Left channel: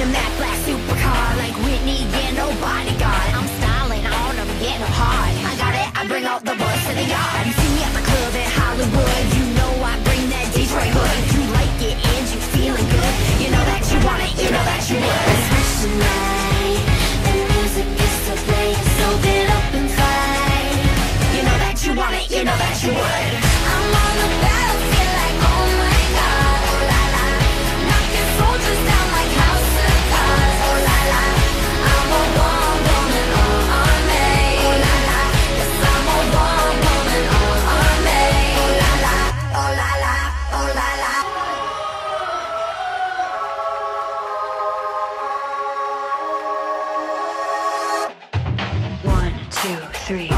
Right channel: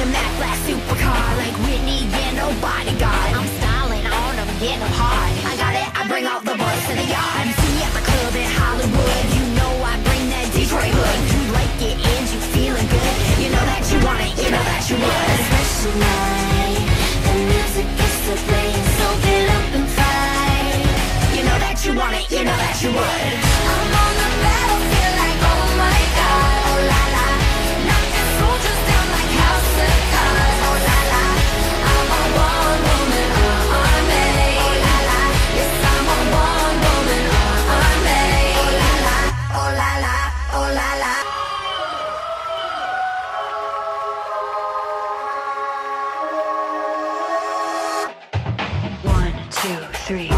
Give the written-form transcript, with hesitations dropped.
in a Mac black supercar, like Whitney, yeah, no bodyguard. I'm styling on them, getting them hard. I got it, I bring all the boys to the yard. You see me at the club in Hollywood, you know I bring that Detroit hood. You like it and you feeling good, you know that you want it, you know that you would. Fresh tonight, the music is still playing, so get up and fight. You know that you want it, you know that you would. I'm on the battlefield like, oh my God, oh la la. Knocking soldiers down like house of cards, oh la la. I'm a one woman army, oh la la. Yes, I'm a one woman army, oh la la, oh la la, oh la la. One, two, three.